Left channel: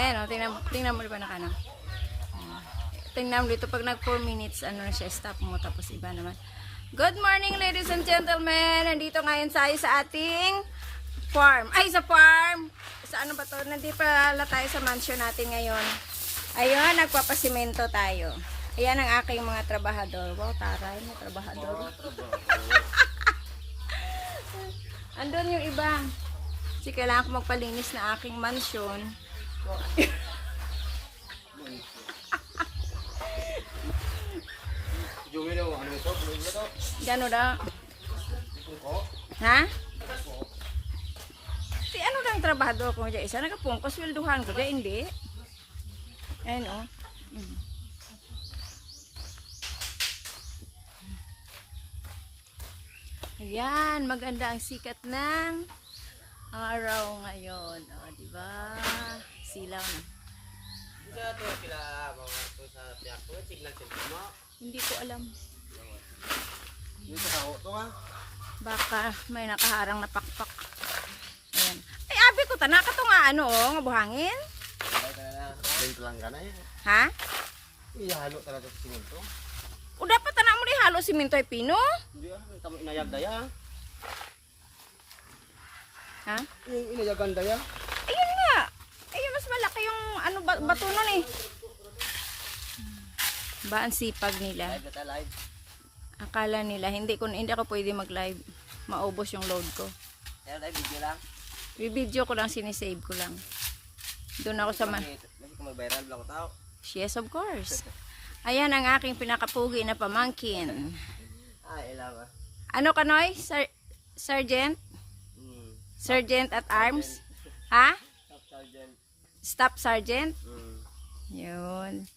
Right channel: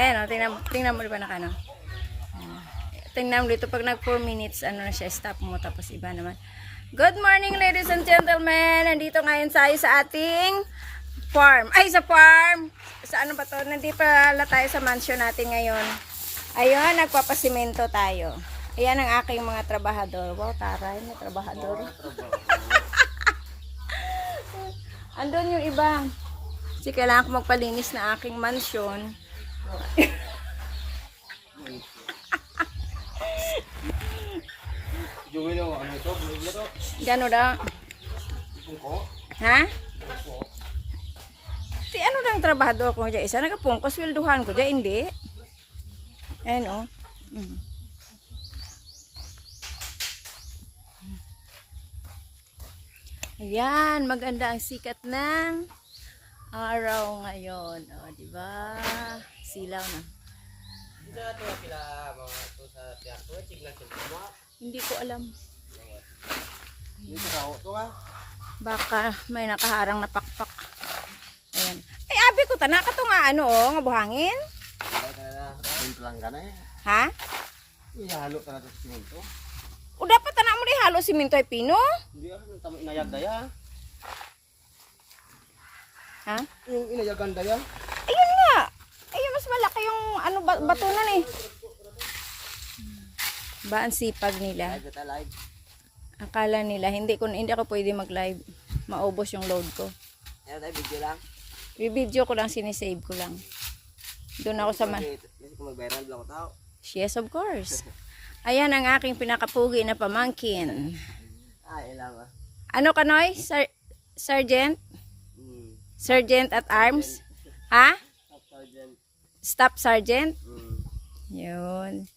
Ayan o, tingnan mo diba nakano. Tingnan mo dito pag nag 4 minutes, ano na siya, stop mo, tapos iba naman. Good morning ladies and gentlemen. Nandito ngayon tayo sa ating farm. Ay, sa farm. Sa ano ba to? Nandito pala tayo sa mansion natin ngayon. Ayun, nagpapasimento tayo. Ayan ang aking mga trabahador. Wow, taray, may trabahador. Andun yung iba. Kasi kailangan ko magpalinis na aking mansion. Gano daw? Ha? Si ano lang trabahador ko dyan? Isa nagapungkos, wilduhan ko dyan, hindi. Ayan o. Ayan, maganda ang sikat ng araw ngayon. O, diba? Silaw na. Hindi ko alam. Baka may nakaharang na pakpak. Ayan. Ay, abi ko, tanaka to nga ano, nga buhangin. Ha? Ihalo talaga sa simento. O dapat tanak mo rin halo simento ay pino? Hindi tamo inayag daya. Ha? Yung inayagan daya. Ayun nga. Ayun, mas malaki yung ano, bato nun eh. Ba ang sipag nila? Live. Akala nila, hindi ako pwede mag-live. Maubos yung load ko. Kaya tayo video lang. Video ko lang, sinisave ko lang. Doon ako sa Kasi kung mag-viral lang ako tao. Yes, of course. Ayan ang aking pinakapugi na pamangkin. Ilaw ah. Ano ka, Noy? Sergeant? Sergeant at arms? Ha? Top sergeant. Staff sergeant? Yun.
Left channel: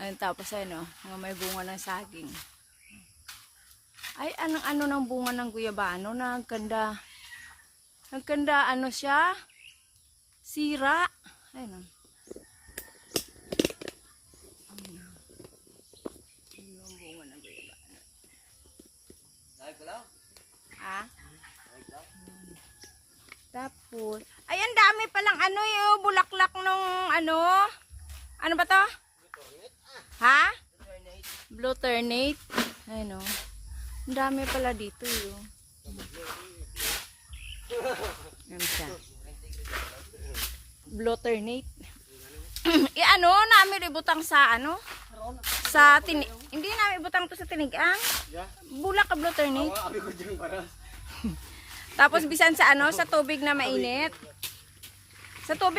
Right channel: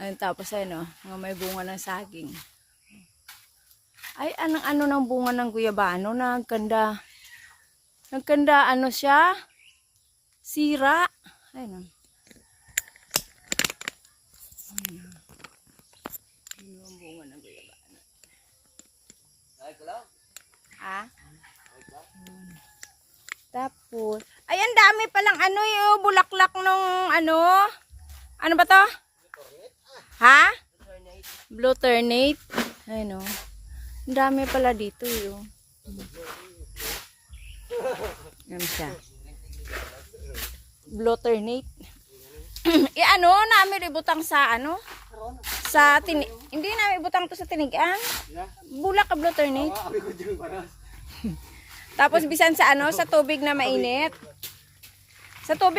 Ayun, tapos ano, may bunga ng saging. Ay, ano ng bunga ng guyabano? Nagkanda. Nagkanda, ano siya? Sira. Ayun. Yung bunga ng guyabano. Ay, kulaw. Ha? Tapos, ay, ang dami palang ano yung bulaklak nung ano. Ano ba to? Ha? Blue ternate. Ayun o. Ang dami pala dito yun. Yan siya. Blue ternate. Ano, namin ibutang sa ano? Sa hindi namin ibutang to sa tinigang. Bulak ka blue ternate. Tapos bisan sa ano, sa tubig na mainit. Sa tubig